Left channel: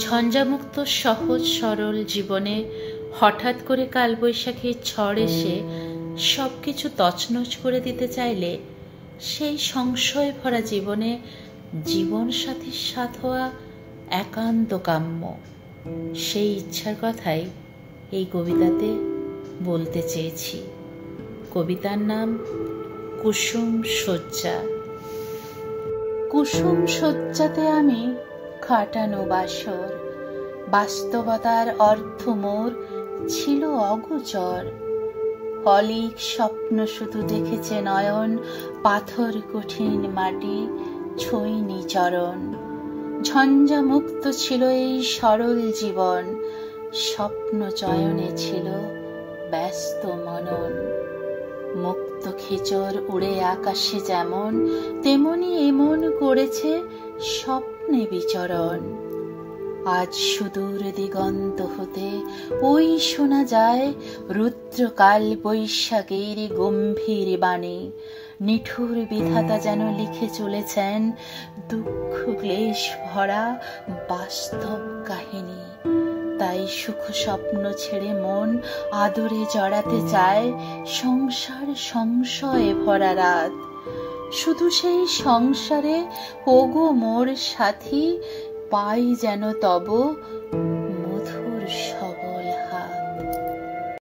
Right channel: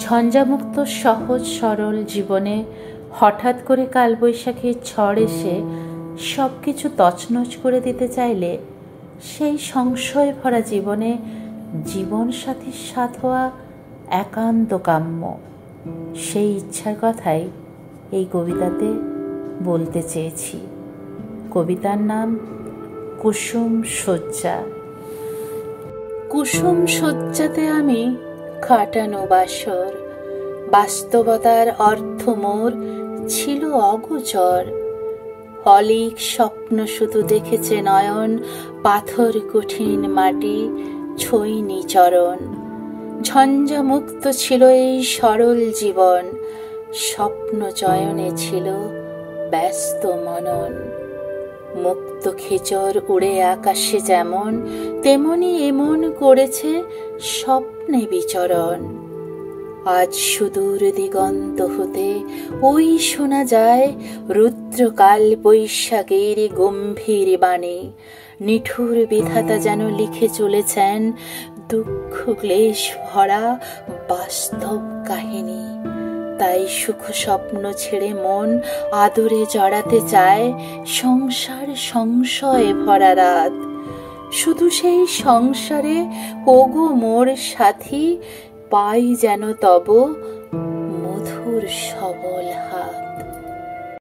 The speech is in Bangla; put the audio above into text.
ঝঞ্ঝামুক্ত সহজ সরল জীবনে হঠাৎ করে কালবৈশাখীর ঝড় এসে সব কিছু তছনছ করে দিতে চাইলে সেই সংশয় ভরা জীবনে জীবনসাথীর সাথ হওয়া একান্ত কাম্য। সেই ইচ্ছার কথাই এই কবিতাতে বলতে চেয়েছি। কবিতার নাম কুসুম শয্যা। কুসুম শয্যাতে আমি কাটানো বাসর, বাস্তবতার অর্থ মোর ছিল অগোচর। অলীক স্বপ্ন শুধু দেখেছে নয়ন, পাথর কঠিন মাটি ছোঁয়নি চরণ। ঝঞ্ঝামুক্ত ছিল এই সরল জীবন, স্বপ্ন চয়নে ছিল ব্যস্ত মনন। মুক্ত খেচর উড়ে আকাশে যেমন, তেমনি এমন করেছে স্বপ্নে বিচরণ। আজ সুদূর দিগন্ত হতে ওই শোনা যায় রুদ্রকাল বৈশাখের গম্ভীর বাণী। নিঠুর বিধাতা যেন লিখে চলেছেন দুঃখ ক্লেশ ভরা বাস্তব কাহিনী। তাই সুখ স্বপ্ন ছেড়ে মন আদরে জড়াতে চায় সংসার সংশয়ে ভরা রাত। শুধু সেই সংসারে ওগো মোর সাথী, পাই যেন তব মধুর সবল হাত।